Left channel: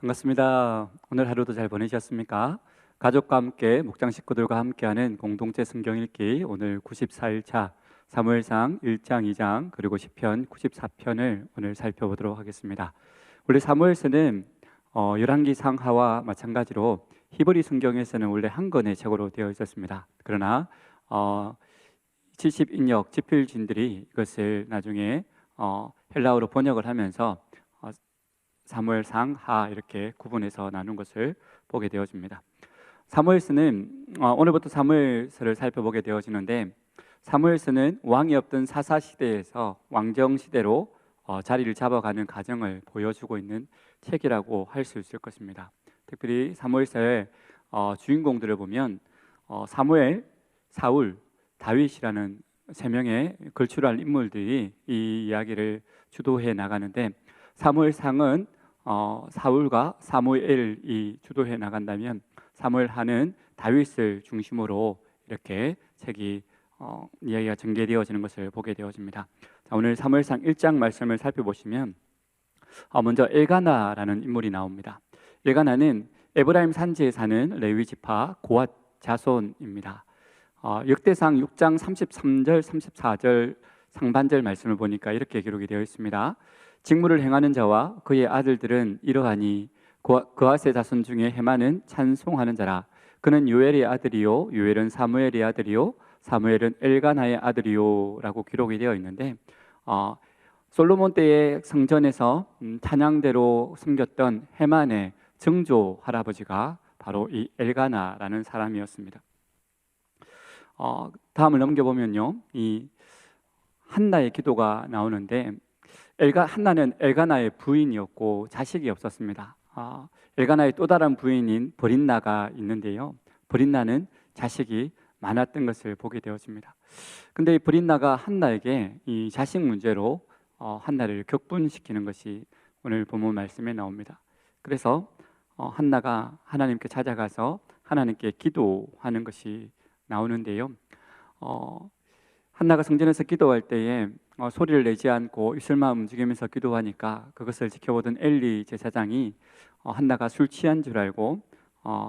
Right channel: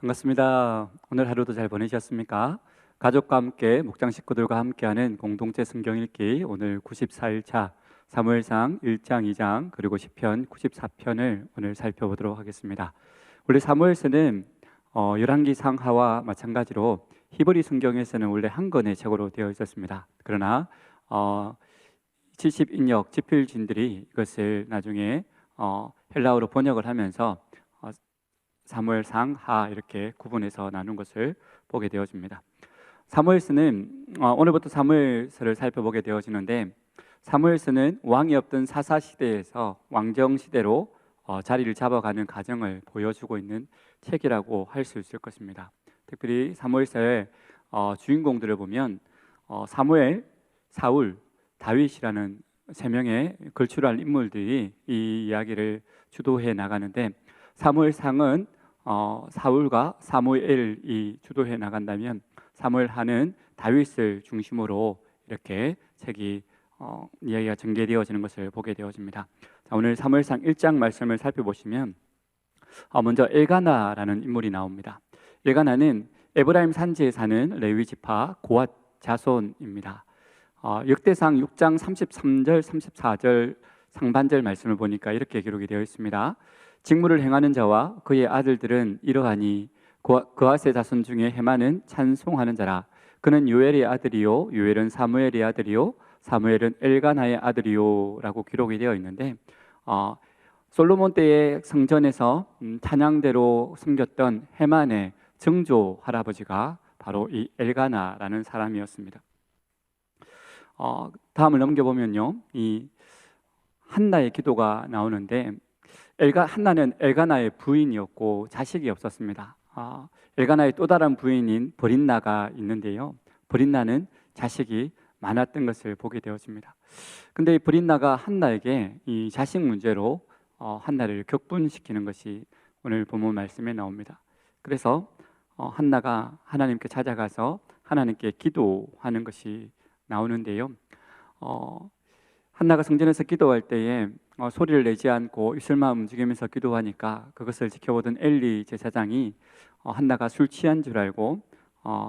반갑습니다. 오늘 하루도 잘 보내셨습니까? 가족과 함께 목장 식구들과 함께하는 공동체 성경 읽기 오늘 94일차 사무엘상 1장, 2장 그리고 시편 94편을 오늘 살펴보도록 하겠습니다. 원래 사무엘서는 열왕기 상하와 마찬가지로 히브리 성경에서는 원래 한 권의 책으로 되어 있었습니다. 그러나 70인역 집필진들이 이것을 나중에 헬라어로 번역을 하면서 사무엘상, 하 이렇게 구분해서 나눈 것을 보게 되어집니다. 사무엘서는 오늘부터 사무엘서를 살펴보게 되어지는데, 사무엘서는 왕이 없던 사사시대에서 왕정시대로 자리를 잡아가는 과정을 보여주고 있는 책이라고 할 수 있을 것입니다. 특별히 사무엘서의 주인공들을 보면 사무엘, 사울, 다윗이라는 세 명의 걸출할 인물들이 이 이야기를 주도해 나가는데, 사무엘상은 사울과 사무엘이 주도해 나간다면 사무엘하는 다윗을 중심으로 이렇게 책이 이야기가 전개되어지는 것을 보게 되어집니다. 자, 오늘 사무엘상 1장 말씀을 살펴보시면 먼저 엘가나라는 인물이 나옵니다. 엘가나는 에브라임 산지에 사는 레위 지파 고앗 자손입니다. 역대상 6장 33절 34절 상반절 말씀을 보니까 이렇게 기록이 되어 있습니다. 직무를 행하는 자와 그의 아들들은 이러하니 그앗의 자손 중에 헤만은 찬송하는 자라. 그는 요엘의 아들이요 요엘은 사무엘의 아들이요 사무엘은 엘가나의 아들이요 라고 기록이 되어 있는데, 솔로몬 때의 성전에서 찬양대로 섬겼던 헤만의 증조 할아버지가 바로 이 엘가나라는 사람이었습니다. 다음을 넘겨보면요, 이 한나의 기도가 나오는데, 한나는 엘가나의 부인이었고 자식이 없었습니다. 엘가나의 또 다른 부인인 브린나가 있는데요, 브린나는 자식이 많았던 것을 보게 되어집니다. 근데 이 브린나가 한나에게 이 자식 문제로 한나를 격분시키는 것이 오늘 본문 말씀에 나옵니다. 그래서 한나가 하나님께 찾아가서 하나님께 기도하는 것이 나오는데요, 한나가 성전에서 기도할 때에 소리를 내지 않고 입술만 움직이면서 기도하니까 그것을 지켜보던 엘리 제사장이 한나가 술 취한 줄 알고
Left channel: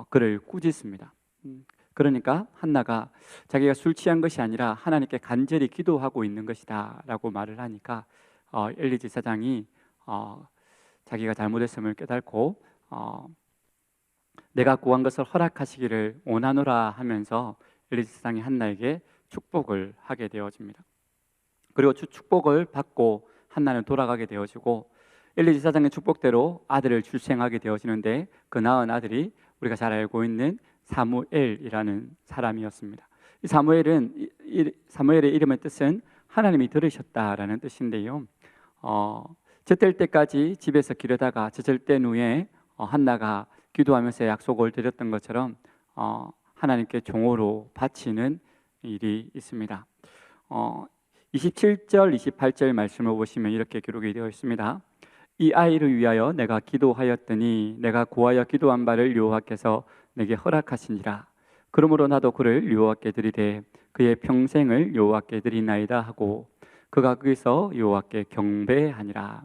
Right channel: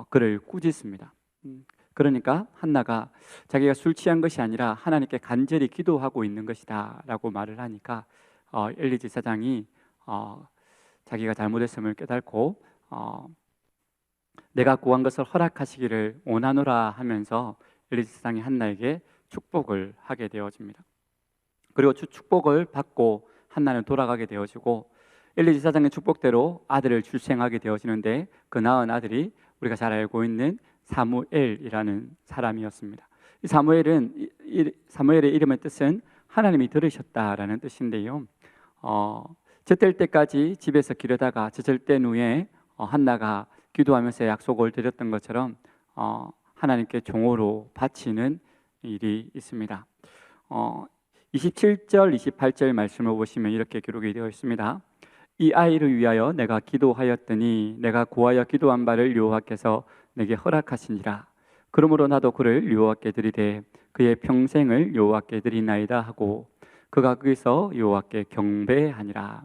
그를 꾸짖습니다. 그러니까 한나가 자기가 술 취한 것이 아니라 하나님께 간절히 기도하고 있는 것이다 라고 말을 하니까 엘리 제사장이 자기가 잘못했음을 깨닫고 내가 구한 것을 허락하시기를 원하노라 하면서 엘리 제사장이 한나에게 축복을 하게 되어집니다. 그리고 축복을 받고 한나는 돌아가게 되어지고 엘리 제사장의 축복대로 아들을 출생하게 되어지는데, 그 낳은 아들이 우리가 잘 알고 있는 사무엘이라는 사람이었습니다. 이 사무엘의 이름의 뜻은 하나님이 들으셨다라는 뜻인데요, 젖될 때까지 집에서 기르다가 젖을 후에 한나가 기도하면서 약속을 드렸던 것처럼 하나님께 종으로 바치는 일이 있습니다. 27절 28절 말씀을 보시면 이렇게 기록이 되어 있습니다. 이 아이를 위하여 내가 기도하였더니 내가 구하여 기도한 바를 여호와께서 내게 허락하시니라. 그러므로 나도 그를 여호와께 드리되 그의 평생을 여호와께 드리나이다 하고 그가 거기서 여호와께 경배하니라.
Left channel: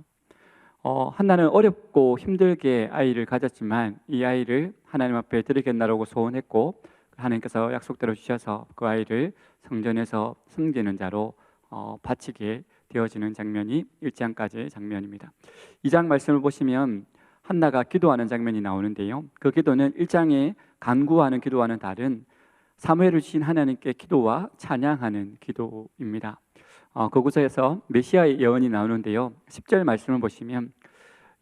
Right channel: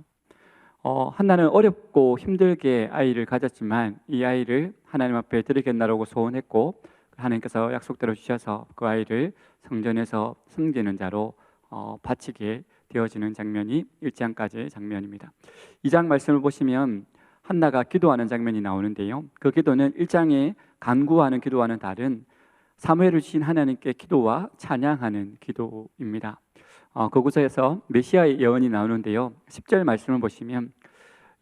한나는 어렵고 힘들게 아이를 가졌지만 이 아이를 하나님 앞에 드리겠나라고 소원했고, 하나님께서 약속대로 주셔서 그 아이를 성전에서 섬기는 자로 바치게 되어지는 장면이 1장까지의 장면입니다. 2장 말씀을 보시면 한나가 기도하는 장면이 나오는데요, 그 기도는 1장에 간구하는 기도와는 다른 사무엘을 주신 하나님께 기도와 찬양하는 기도입니다. 그곳에서 메시아의 예언이 나오는데요, 10절 말씀을 보시면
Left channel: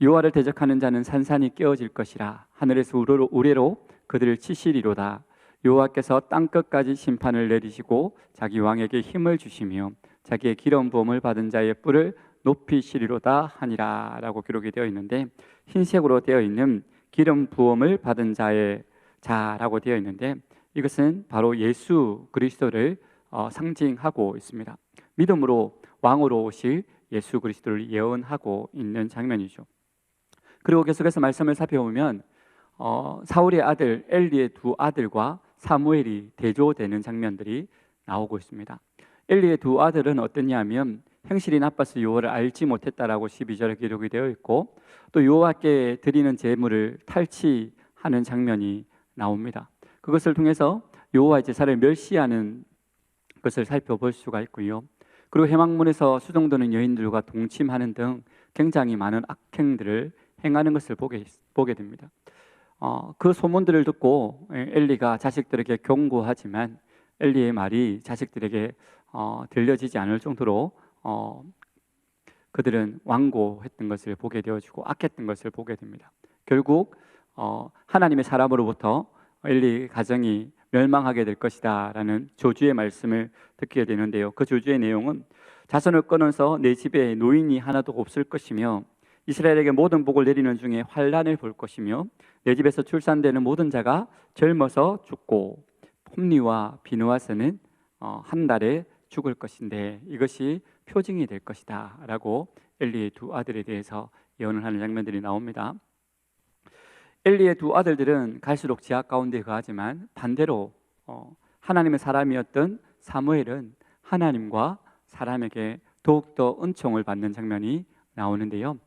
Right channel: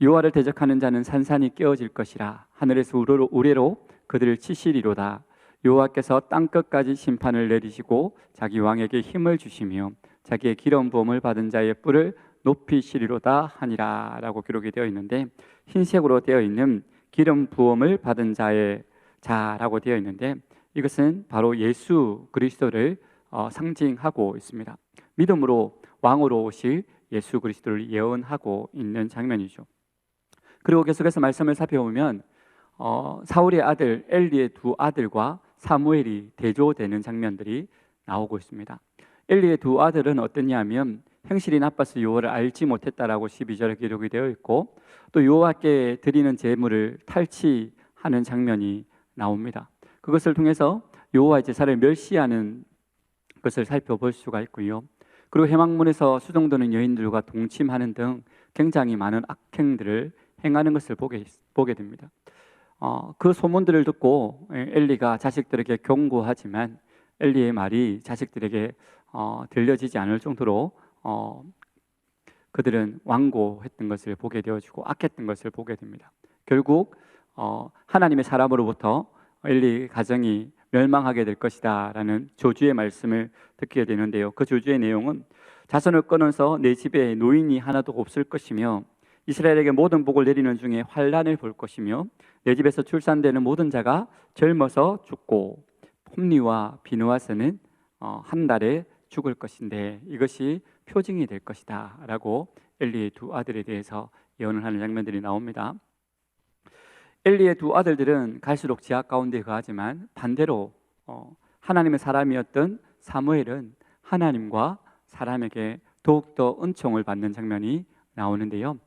여호와를 대적하는 자는 산산이 깨어질 것이라. 하늘에서 우레로 그들을 치시리로다. 여호와께서 땅끝까지 심판을 내리시고 자기 왕에게 힘을 주시며 자기의 기름 부음을 받은 자의 뿔을 높이시리로다 하니라 라고 기록이 되어 있는데, 흰색으로 되어 있는 기름 부음을 받은 자라고 되어 있는데, 이것은 바로 예수 그리스도를 상징하고 있습니다. 믿음으로 왕으로 오실 예수 그리스도를 예언하고 있는 장면이죠. 그리고 계속해서 말씀을 살펴보면 사울의 아들 엘리의 두 아들과 사무엘이 대조되는 장면들이 나오고 있습니다. 엘리의 두 아들은 어떠냐면 행실이 나빠서 여호와를 알지 못했다라고 12절에 기록이 되어 있고, 또 여호와께 드리는 제물을 탈취하는 장면이 나옵니다. 그것을 통해서 여호와의 제사를 멸시하는 것을 살펴볼 수가 있고요. 그리고 회막문에서 수종드는 여인들과 동침하는 등 굉장히 많은 악행들을 행하는 것을 보게 됩니다. 그 소문들을 듣고 엘리가 자식들에게 경고하지만 엘리의 말이 자식들에게 들려지지 않을 정도로 그들은 완고했던 것을 보게 되어지고 악했던 것을 보게 됩니다. 결국 하나님의 사람으로부터 엘리 가정이 멸망하게 될 것이다 라는 저주의 말씀을 듣게 되는데요. 그 저주의 내용은 자손을 끊어서 내 집에 노인이 하나도 없을 것이며 이스라엘에게 모든 복을 내리는 중에 환난을 볼 것이며 내 집에서 출산되는 모든 자가 젊어서 죽고 홈리와 비느하스는 한 달에 죽을 것인데 이것이 표징이 될 것이다 라고 엘리의 두 아들에 대해서 예언을 하는 장면들이 나옵니다. 엘리의 두 아들들은 갈수록 제약 가운데 거하지만 반대로 하나님의 사람이었던 사무엘은 하나님과 사람에게 더욱더 은총을 받는 장면이 나오는데요.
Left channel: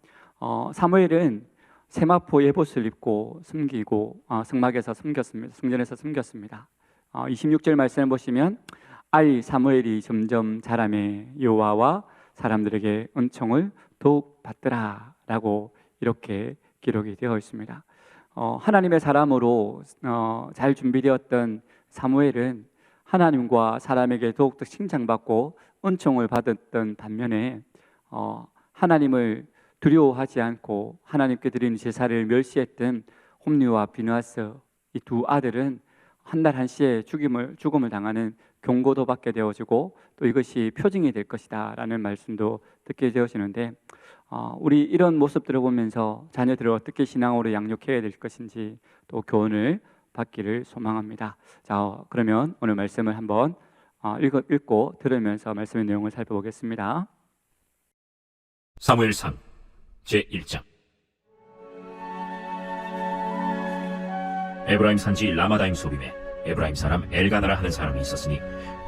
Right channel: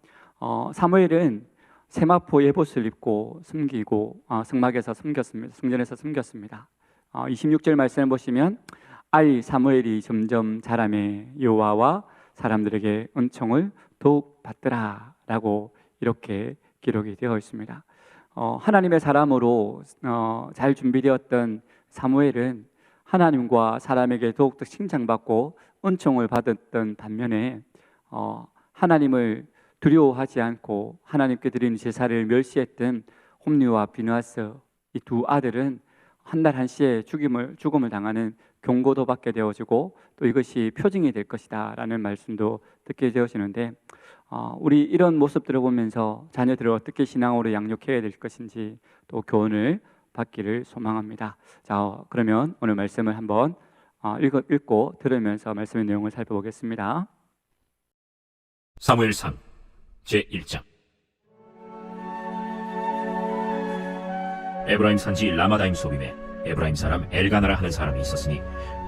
사무엘은 세마포 예봇을 입고 숨기고 성막에서 숨겼습니다. 성전에서 숨겼습니다. 26절 말씀을 보시면 아이 사무엘이 점점 자라매 여호와와 사람들에게 은총을 더욱 받더라 라고 이렇게 기록이 되어 있습니다. 하나님의 사람으로 잘 준비되었던 사무엘은 하나님과 사람에게 더욱더 칭찬받고 은총을 받았던 반면에 하나님을 두려워하지 않고 하나님께 드리는 제사를 멸시했던 홈리와 비느하스 이 두 아들은 한 달 한시에 죽음을 당하는 경고도 받게 되어지고 또 이것이 표징이 될 것이다 라는 말씀도 듣게 되어지는데 우리 이런 모습들을 보면서 자녀들을 어떻게 신앙으로 양육해야 될 것인지 또 교훈을 받기를 소망합니다. 자, 그러면 오늘 말씀을 한번 읽고 들으면서 말씀의 내용을 살펴보겠습니다. 사무엘상 제1장. 에브라임 산지 라마다임 소빔에 에브라임 사람 엘가나라 하는 사람이 있었으니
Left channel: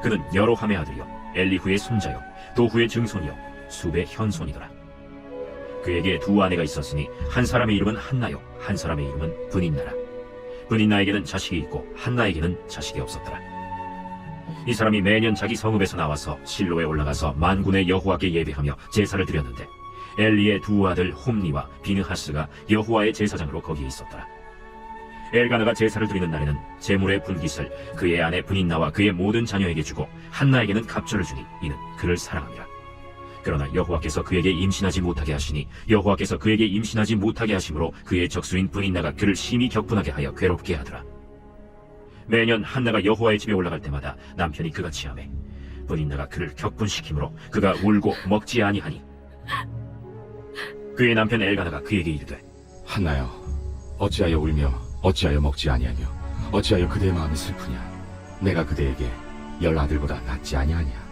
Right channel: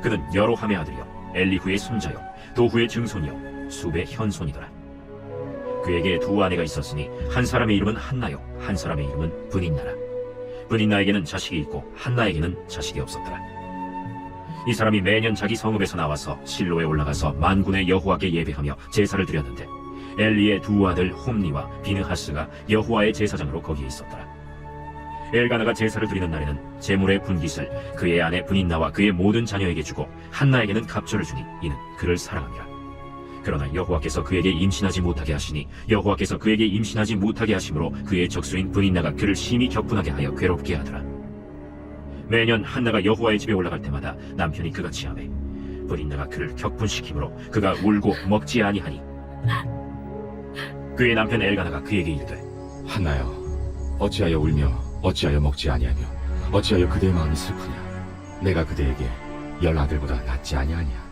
그는 여로함의 아들이요 엘리후의 손자요 도후의 증손이요 숲의 현손이더라. 그에게 두 아내가 있었으니 한 사람의 이름은 한나요 한 사람의 이름은 브닌나라. 브닌나에게는 자식이 있고 한나에게는 자식이 없었더라. 이 사람이 매년 자기 성읍에서 나와서 실로에 올라가서 만군의 여호와께 예배하며 제사를 드렸는데 엘리의 두 아들 홈리와 비느하스가 여호와의 제사장으로 거기에 있었더라. 엘가나가 제사를 드리는 날에는 제물의 분깃을 그의 아내 브닌나와 그의 모든 자녀에게 주고 한나에게는 갑절을 주니 이는 그를 사랑함이라. 그러나 여호와께서 그에게 임신하지 못하게 하시니 여호와께서 그에게 임신하지 못하게 하심으로 그의 적수인 브닌나가 그를 심히 격분하게 하여 괴롭게 하더라. 매년 한나가 여호와의 집에 올라갈 때마다 남편이 그가 취하매 브닌나가 그를 격분시키므로 그가 울고 먹지 아니하니 그의 남편 엘가나가 그에게 이르되 한나여, 어찌하여 울며 어찌하여 먹지 아니하며 어찌하여 그대의 마음이 슬프냐? 내가 그대에게 10 아들보다 낫지 아니하냐?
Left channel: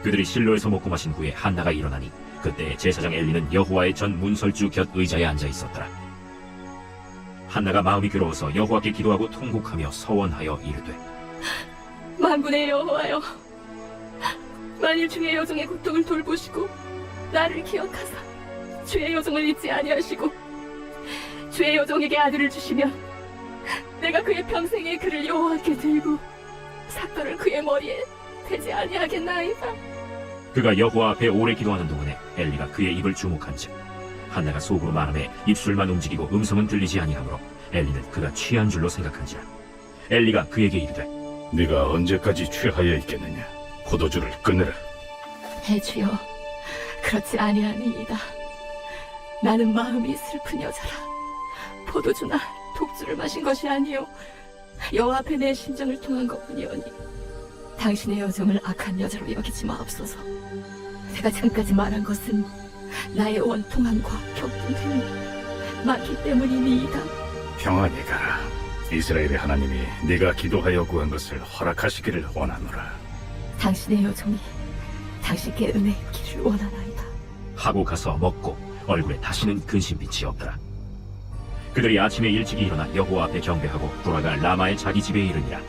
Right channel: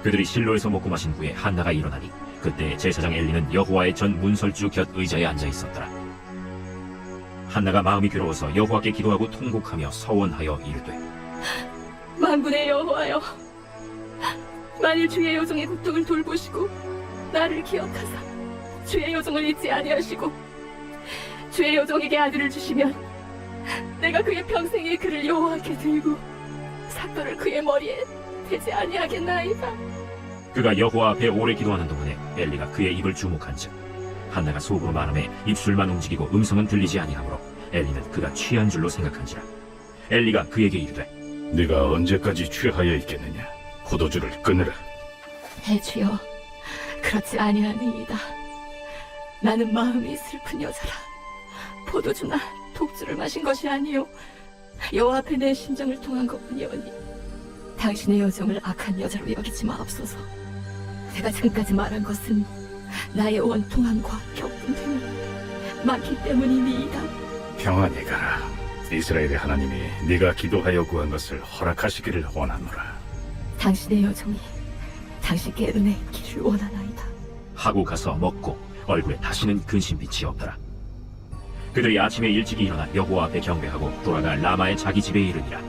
그들이 실로에서 먹고 마신 후에 한나가 일어나니 그때 제사장 엘리는 여호와의 전 문설주 곁 의자에 앉아 있었더라. 한나가 마음이 괴로워서 여호와께 기도하고 통곡하며 서원하여 이르되 만군의 여호와여, 만일 주의 여종의 고통을 돌보시고 나를 기억하사 주의 여종을 잊지 아니하시고 주의 여종에게 아들을 주시면 내가 그의 평생에 그를 여호와께 들고 삭도를 그의 머리에 대지 아니하겠나이다. 그가 여호와 앞에 오래 기도하는 동안에 엘리가 그의 입을 주목한즉 한나가 속으로 말하매 입술만 움직이고 음성은 들리지 아니하므로 엘리는 그가 취한 줄로 생각한지라. 엘리가 그에게 이르되 네가 언제까지 취하여 있겠느냐? 포도주를 끊으라. 대주여, 그렇지 아니하니이다. 나는 마음이 슬픈 여자라. 포도주나 독주를 마신 것이 아니요 여호와 앞에 내 심정을 통한 것뿐이오니 당신의 여정을 악한 여자로 여기지 마옵소서. 내가 지금까지 말한 것은 나의 원통함과 격분함이 많기 때문이니이다. 평안히 가라. 이스라엘의 하나님이 네가 기도하여 구한 것을 허락하시기를 원하노라. 당신의 여정이 당신께 은혜 있기를 원하나이다. 하고 가서 먹고 얼굴에 다시는 근심빛이 없더라. 그들이 아침에 일찍이 일어나 여호와 앞에 경배하고 돌아가 라마의 자기 집에 이르니라.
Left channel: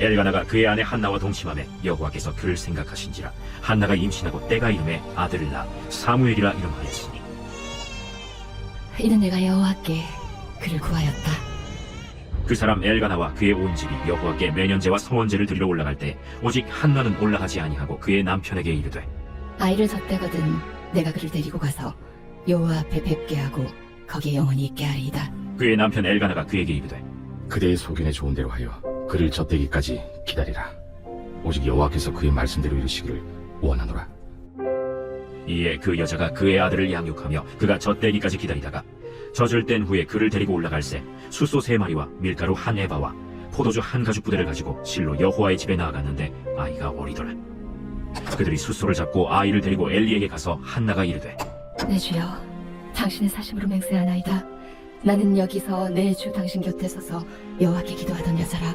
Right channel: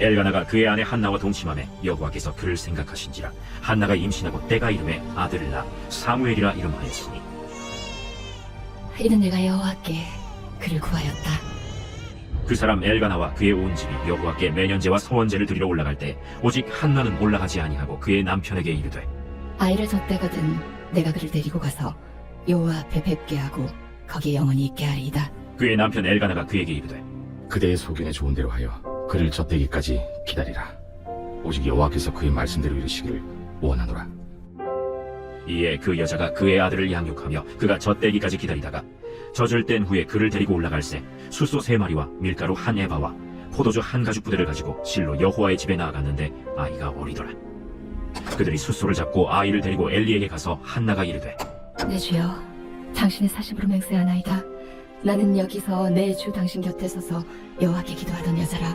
엘가나가 그의 아내 한나와 동침함에 여호와께서 그를 생각하신지라 한나가 임신하고 때가 이름에 아들을 낳아 사무엘이라 이름하였으니 이는 내가 여호와께 그를 구하였다. 그 사람 엘가나와 그의 온 집이 여호와께 매년제와 성원제를 드리러 올라갈 때 오직 한나는 올라가지 아니하고 그의 남편에게 이르되 아이를 젖대거든 내가 그를 데리고 가서 여호와 앞에 뵙게 하고 거기에 영원히 있게 하리이다. 그의 남편 엘가나가 그에게 이르되 그대의 소견에 좋은 대로 하여 그를 젖대기까지 기다리라. 오직 여호와께서 그의 말씀대로 이르시기를 원하노라. 이에 그 여자가 그의 아들을 양육하며 그가 젖대기까지 기다리다가 젖을 뗀 후에 그를 데리고 올라갈새 숫소 3마리와 밀가루 1에바와 포도주 1가죽 부대를 가지고 실로 여호와의 집에 나아갔는데 아이가 어리더라. 그들이 숫소를 잡고 아이를 데리고 엘리에게 가서 한나가 이르되 내 주여, 당신의 사심으로 맹세하나이다. 나는 여기서 내 주 당신 곁에 서서 여호와께 기도하던 여자라.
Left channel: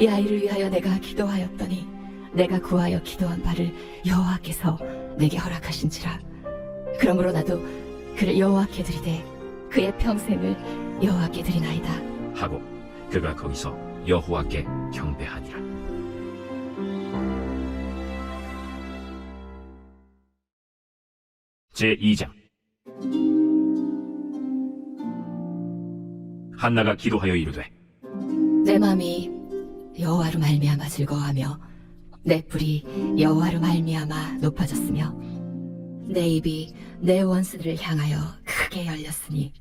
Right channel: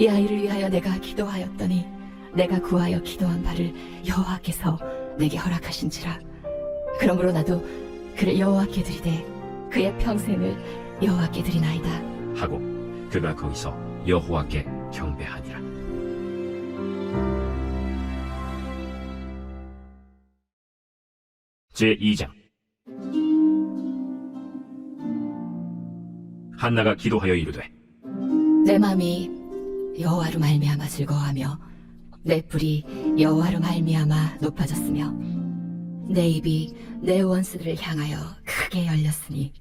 이 아이를 위하여 내가 기도하였더니 내가 구하여 기도한 바를 여호와께서 내게 허락하신지라. 그러므로 나도 그를 여호와께 드리되 그의 평생을 여호와께 드리나이다. 하고 그가 거기서 여호와께 경배하니라. 제2장 한나가 기도하여 이르되 내 마음이 여호와로 말미암아 즐거워하며 내 뿔이 여호와로 말미암아 높아졌으며 내 입이 내 원수들을 향하여 크게 열렸으니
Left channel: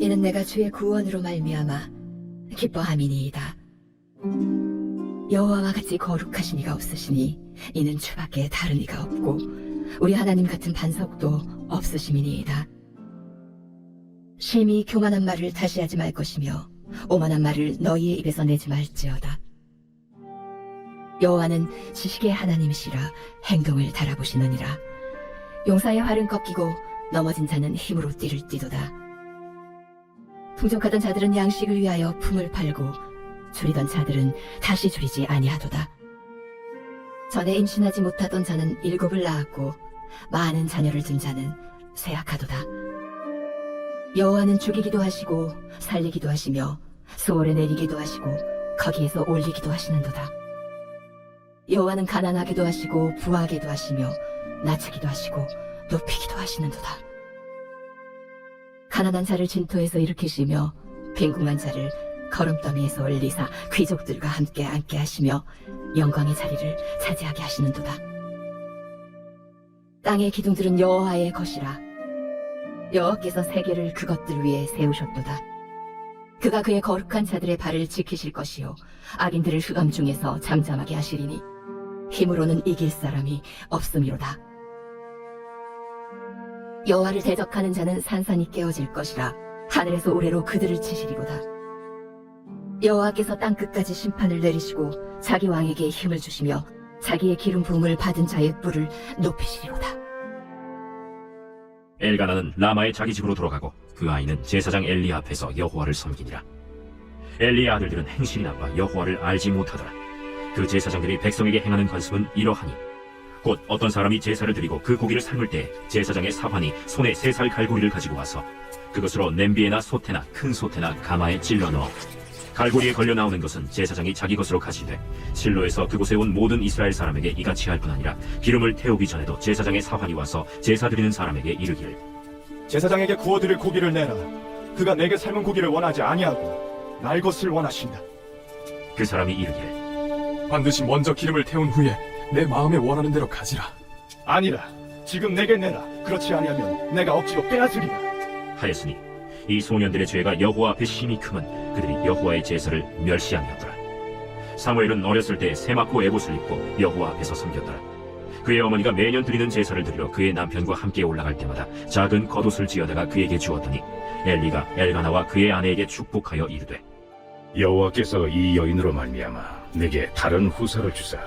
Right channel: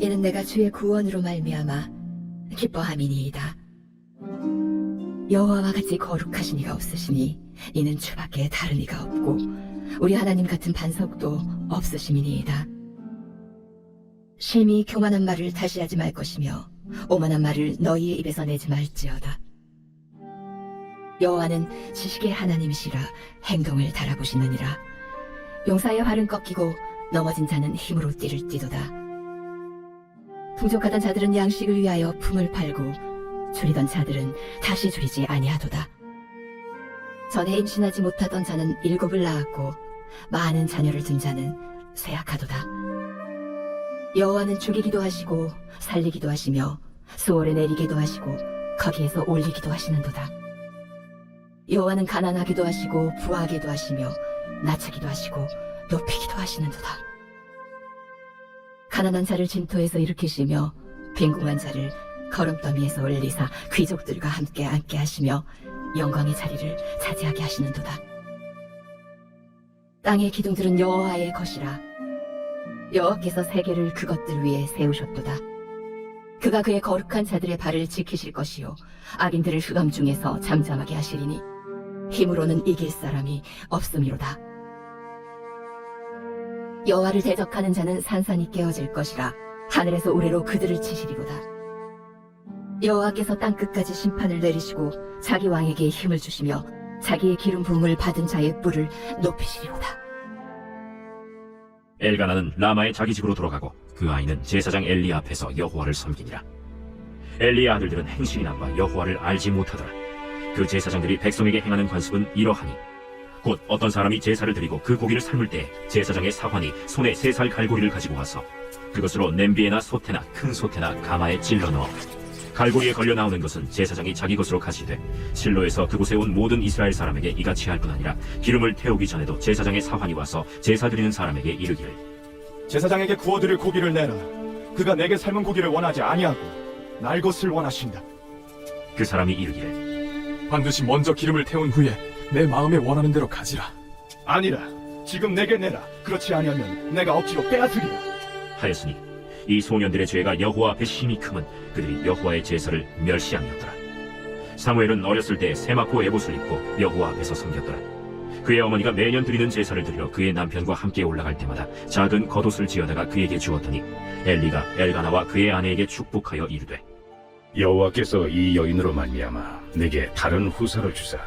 이는 내가 주의 구원으로 말미암아 기뻐함이니이다. 여호와와 같이 거룩하신 이가 없으시니 이는 주밖에 다른 이가 없고 우리 하나님 같은 반석도 없으심이니이다. 심히 교만한 말을 다시 하지 말 것이며 오만한 말을 너희의 입에서 내지 말지어다. 여호와는 지식의 하나님이시라 행동을 달아보시느니라. 용사의 활은 꺾이고 넘어진 자는 힘으로 띠를 띠도다. 풍족하던 자들은 양식을 위하여 품을 팔고 줄이던 자들은 다시 줄이지 아니하도다. 전에 임신하지 못하던 자는 7을 낳았고 많은 자녀를 둔 자는 쇠약하도다. 여호와는 죽이기도 하시고 살리기도 하시며 수월에 내리기도 하시고 거기에서 올리기도 하시는도다. 여호와는 가난하게도 하시고 부하게도 하시며 낮추기도 하시고 높이기도 하시는도다. 가난한 자를 진토에서 일으키시며 빈궁한 자를 거름더미에서 올리사 귀족들과 함께 앉게 하시며 영광의 자리를 차지하게 하시는도다. 땅의 기둥들은 여호와의 것이라. 여호와께서 세계를 그것들 위에 세우셨도다. 그가 그의 거룩한 자들의 발을 지키실 것이요 악인들을 흑암 중에서 잠잠하게 하시리니 힘으로는 이길 사람이 없음이로다. 여호와를 대적하는 자는 산산이 깨어질 것이라. 하늘에서 우레로 그들을 치시리로다. 여호와께서 땅끝까지 심판을 내리시고 자기 왕에게 힘을 주시며 자기의 기름 부음을 받은 자의 뿔을 높이시리로다. 엘가나는 라마의 자기 집으로 돌아가고 그 아이는 제사장 엘리 앞에서 여호와를 섬기니라. 엘리의 아들들은 행실이 나빠 여호와를 알지 못하더라. 그 제사장들이 백성에게 행하는 관습은 이러하니 곧 어떤 사람이 제사를 드리고 그 고기를 삶을 때 제사장의 사환이 손에 3살 갈고리를 가지고 와서 그것으로 냄비에나 솥에나 큰 솥에나 가마에 찔러 넣어 갈고리에 걸려 나오는 것은 제사장이 자기 것으로 가지되 실로에서 그곳에 온 모든 이스라엘 사람에게 이같이 할 뿐 아니라 기름을 태우기 전에도 제사장의 사환이 와서 제사 드리는 사람에게 이르기를 제사장에게 구워드릴 고기를 내라. 그가 내게 삶은 고기를 원하지 아니하고 날 것을 원하신다. 그 사람이 이르기를 반드시 먼저 기름을 태운 후에 내 마음에 원하는 대로 가지라. 아니라 지금 내게 내라. 그렇지 아니하면 내가 억지로 빼앗으리라. 하였으니 이 소년들의 죄가 여호와 앞에 심히 크면 그들이 여호와의 제사를 멸시함이었더라. 사무엘은 어렸을 때에 세마코 에봇을 입고 여호와 앞에서 섬겼더라. 그의 어머니가 매년 드리는 제사를 드리러 그의 남편과 함께 올라갈 때마다 작은 겉옷을 지어다가 그에게 주었더니 엘리가 엘가나와 그의 아내에게 축복하여 이르되 여호와께서 이 여인으로 말미암아 내게 다른 후사를 주사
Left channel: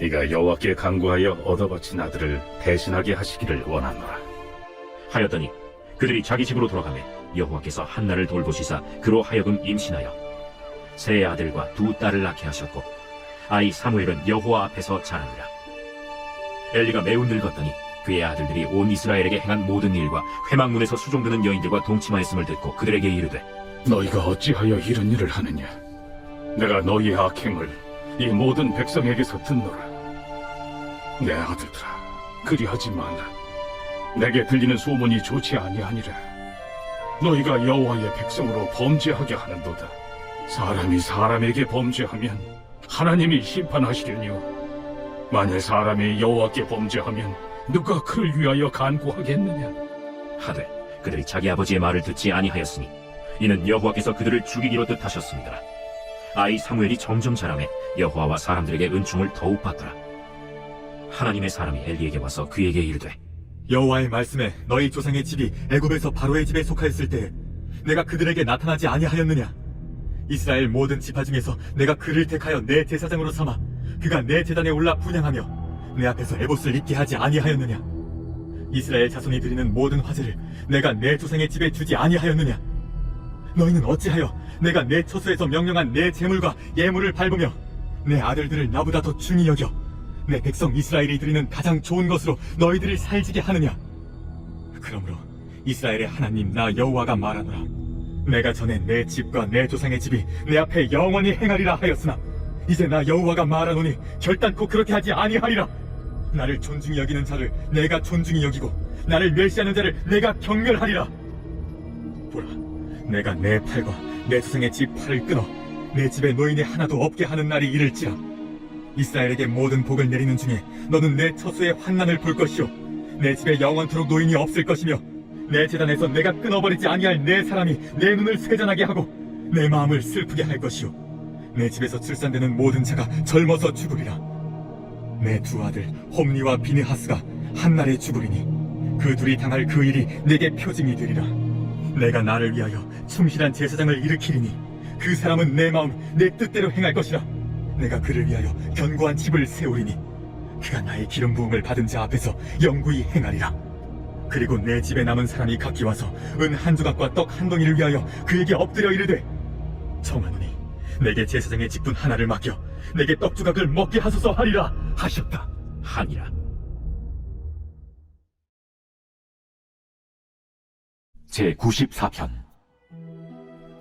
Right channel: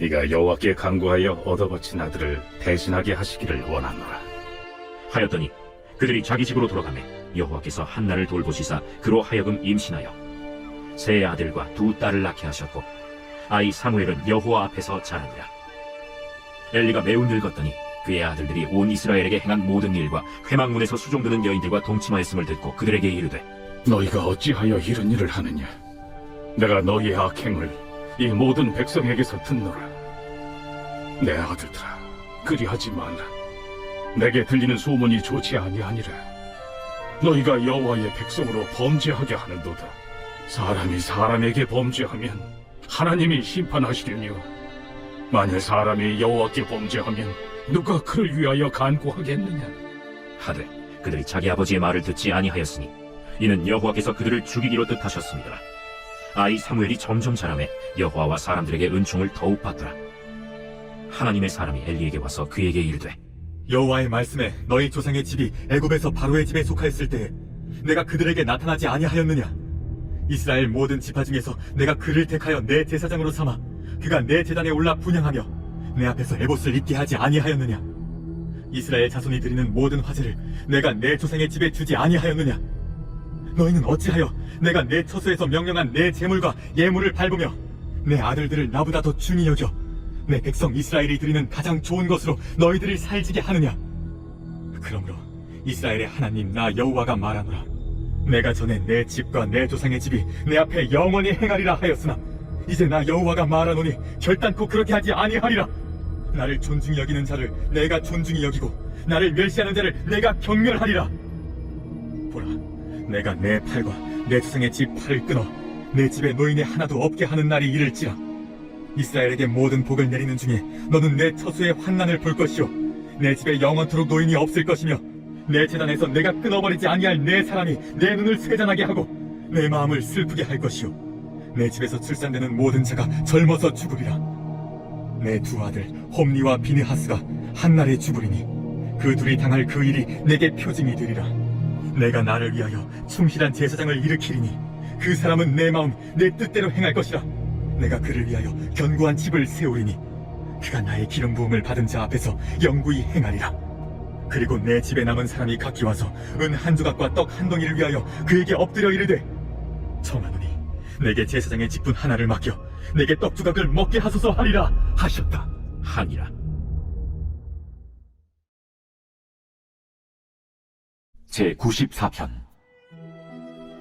네가 여호와께 간구하여 얻어거친 아들을 대신하게 하시기를 원하노라. 하였더니 그들이 자기 집으로 돌아가매 여호와께서 한나를 돌보시사 그로 하여금 임신하여 세 아들과 2 딸을 낳게 하셨고 아이 사무엘은 여호와 앞에서 자라니라. 엘리가 매우 늙었더니 그의 아들들이 온 이스라엘에게 행한 모든 일과 회막문에서 수종드는 여인들과 동침하였음을 듣고 그들에게 이르되 너희가 어찌하여 이런 일을 하느냐? 내가 너희의 악행을 이 모든 백성에게서 듣노라. 내 아들들아, 그리하지 말라. 내게 들리는 소문이 좋지 아니하니라. 너희가 여호와의 백성으로 범죄하게 하는도다. 사람이 사람에게 범죄하면 하나님이 심판하시려니요, 만일 사람이 여호와께 범죄하면 누가 그를 위하여 간구하겠느냐. 하되 그들이 자기 아버지의 말을 듣지 아니하였으니 이는 여호와께서 그들을 죽이기로 뜻하셨습니다. 아이 사무엘이 점점 자라매 여호와와 사람들에게 은총을 더욱 받더라. 하나님의 사람이 엘리에게 와서 그에게 이르되, 여호와의 말씀에 너희 조상의 집이 애굽에서 바로의 집에 속하였을 때 내가 그들에게 나타나지 아니하였느냐? 이스라엘 모든 지파 중에서 내가 그를 택하여 내 제사장으로 삼아 그가 내 제단에 올라 분향하며 내 앞에서 에봇을 입게 하지 아니하였느냐? 이스라엘 자손이 드리는 모든 화제를 내가 내 조상의 집에 주지 아니하였느냐? 너희는 어찌하여 내가 내 처소에서 명령한 내 제물과 예물을 밟으며 내 아들들을 나보다 더 중히 여겨 내 백성 이스라엘이 드리는 가장 좋은 것으로 너희들을 살지게 하느냐? 그러므로 이스라엘의 하나님 나 여호와가 말하노라. 내가 전에 내 집과 내 조상의 집이 내 앞에 영원히 행하리라 하였으나 이제 나 여호와가 말하노니 결단코 그렇게 하지 아니하리라. 나를 존중히 여기는 자를 내가 존중히 여기고 나를 멸시하는 자를 내가 경멸하리라. 보라, 내가 내 팔과 내 조상의 집 팔을 끊어 내 집에 노인이 하나도 없게 하는 날이 이를지라. 이스라엘에게 모든 복을 내리는 중에 너는 내 처소의 환난을 볼 것이요 내 집에 영원토록 노인이 없을 것이며 내 제단에서 내가 끊어버리지 아니할 내 사람이 내 눈을 쇠잔하게 하고 내 마음을 슬프게 할 것이요 내 집에서 출산되는 모든 자가 젊어서 죽으리라. 내 두 아들 홈니와 비느하스가 한날에 죽으리니 그 둘이 당할 그 일이 내게 표징이 되리라. 내가 나를 위하여 충실한 제사장을 일으키리니 그 사람은 내 마음 내 뜻대로 행할 것이라. 내가 그를 위하여 견고한 집을 세우리니 그가 나의 기름 부음을 받은 자 앞에서 영구히 행하리라. 그리고 내 집에 남은 사람이 각기 와서 은 한 조각과 떡 한 덩이를 위하여 그에게 엎드려 이르되, 청하노니 내게 제사장의 직분 하나를 맡겨 내게 떡 조각을 먹게 하소서 하리라 하셨다. 하니라. 제94편.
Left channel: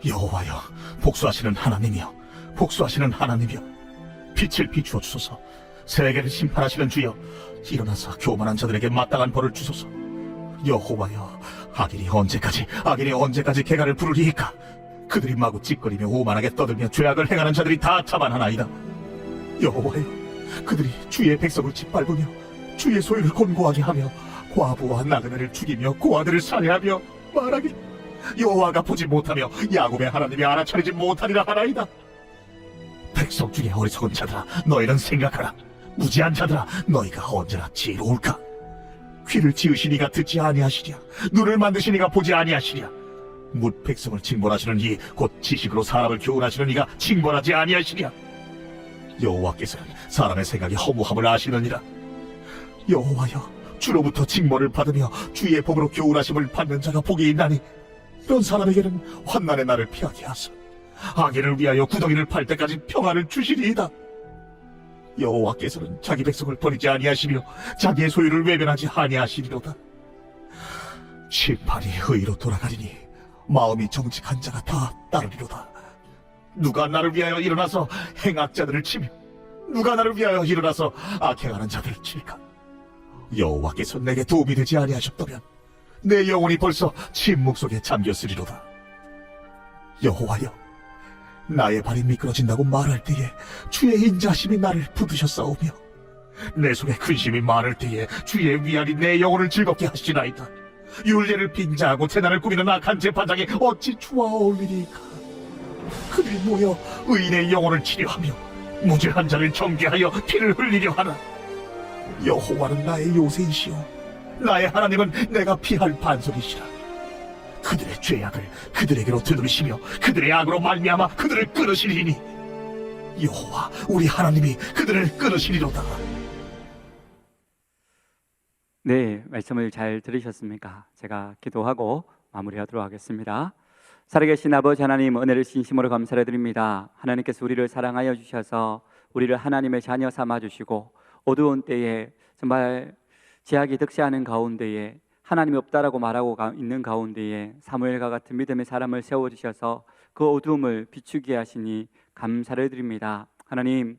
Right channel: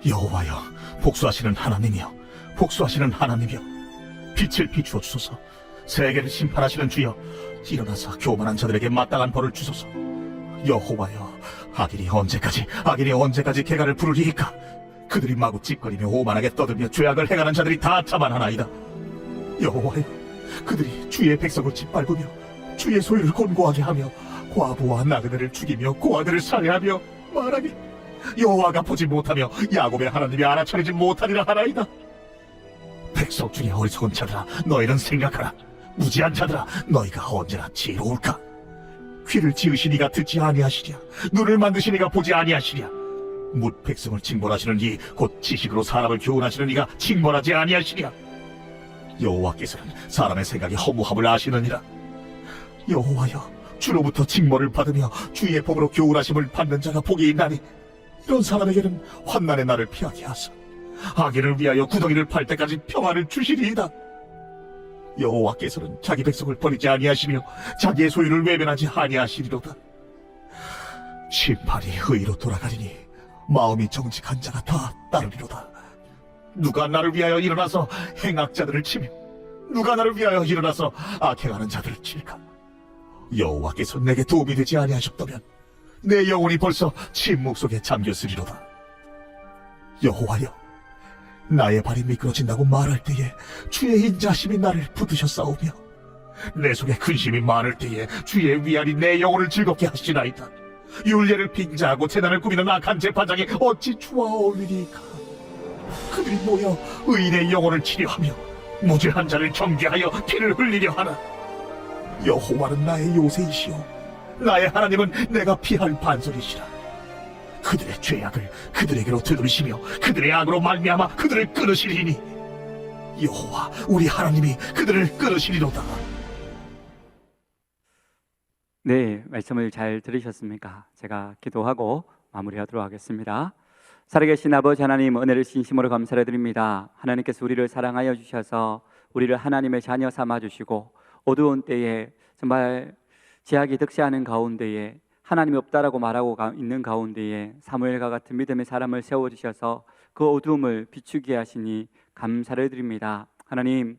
여호와여, 복수하시는 하나님이여, 복수하시는 하나님이여, 빛을 비추어 주소서. 세계를 심판하시는 주여, 일어나서 교만한 자들에게 마땅한 벌을 주소서. 여호와여, 악인이 언제까지 개가를 부르리이까? 그들이 마구 찌꺼리며 오만하게 떠들며 죄악을 행하는 자들이 다 자만하나이다. 여호와여, 그들이 주의 백성을 짓밟으며 주의 소유를 곤고하게 하며 과부와 나그네를 죽이며 고아들을 살해하며 말하기, 여호와가 보지 못하며 야곱의 하나님이 알아차리지 못하리라 하나이다. 백성 중에 어리석은 자들아, 너희는 생각하라. 무지한 자들아, 너희가 언제나 지혜로울까? 귀를 지으시니가 듣지 아니하시랴. 눈을 만드시니가 보지 아니하시랴. 뭇 백성을 징벌하시는 이 곧 지식으로 사람을 교훈하시는 이가 징벌하지 아니하시랴. 여호와께서는 사람의 생각이 허무함을 아시느니라. 여호와여, 주로부터 징벌을 받으며 주의 법으로 교훈하심을 받는 자가 복이 있나니 이런 사람에게는 환난의 날을 피하게 하사 악인을 위하여 구덩이를 팔 때까지 평안을 주시리이다. 여호와께서는 자기 백성을 버리지 아니하시며 자기의 소유를 외면하지 아니하시리로다. 심판이 의로 돌아가리니 마음이 정직한 자가 다 따르리로다. 누가 나를 위하여 일어나서 행악자들을 치며 누가 나를 위하여 일어나서 악행하는 자들을 칠까? 여호와께서 내게 도움이 되지 아니하셨다면 내 영혼이 벌써 침묵 속에 잠겼으리로다. 여호와여, 나의 발이 미끄러진다고 말할 때에 주의 인자심이 나를 붙드셨사오며 내 손에 근심이 많을 때에 주의 위안이 내 영혼을 즐겁게 하시나이다. 율례를 빙자하고 재단을 꾸미는 악한 재판장이 어찌 좋아 어울리니까? 그들이 모여 의인의 영혼을 치료하며 무죄한 자를 정죄하여 피를 흘리려 하나. 여호와는 나의 요새이시오, 나의 하나님은 내가 피할 반석이시라. 그들의 죄악을 그들에게로 되돌리시며 그들의 악으로 말미암아 그들을 끊으시리니 여호와 우리 하나님이 그들을 끊으시리로다. 네, 말씀을 잘 들으셨습니까? 제가 기도하고 마무리하도록 하겠습니다. 살아계신 아버지 하나님, 은혜를 진심으로 감사를 드립니다. 하나님께서 우리를 사랑하여 주셔서 우리를 하나님의 자녀 삼아 주시고 어두운 때에 정말 제약이 득세하는 가운데에 하나님이 없다라고 말하고 있는 가운데에 사무엘과 같은 믿음의 사람을 세워주셔서 그 어두움을 비추게 하시니 감사를 드립니다. 하나님,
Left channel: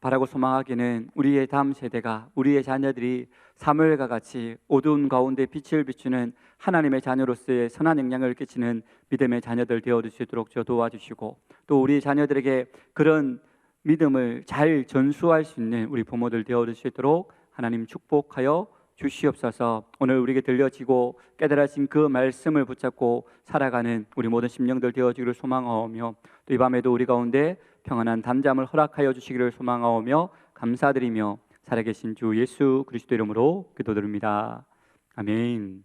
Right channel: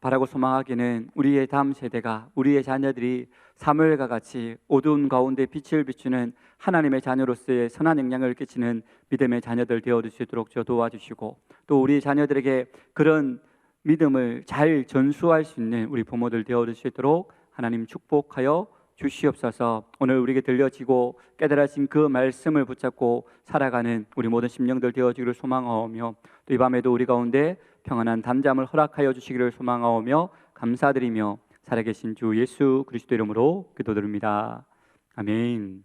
바라고 소망하기는 우리의 다음 세대가, 우리의 자녀들이 사무엘과 같이 어두운 가운데 빛을 비추는 하나님의 자녀로서의 선한 영향을 끼치는 믿음의 자녀들 되어줄 수 있도록 저 도와주시고, 또 우리 자녀들에게 그런 믿음을 잘 전수할 수 있는 우리 부모들 되어줄 수 있도록 하나님 축복하여 주시옵소서. 오늘 우리에게 들려지고 깨달아진 그 말씀을 붙잡고 살아가는 우리 모든 심령들 되어지기를 소망하오며, 또 이 밤에도 우리 가운데 평안한 잠잠을 허락하여 주시기를 소망하오며 감사드리며 살아계신 주 예수 그리스도 이름으로 기도드립니다. 아멘.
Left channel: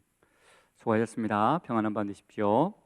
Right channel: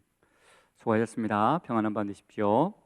수고하셨습니다. 평안한 밤 되십시오.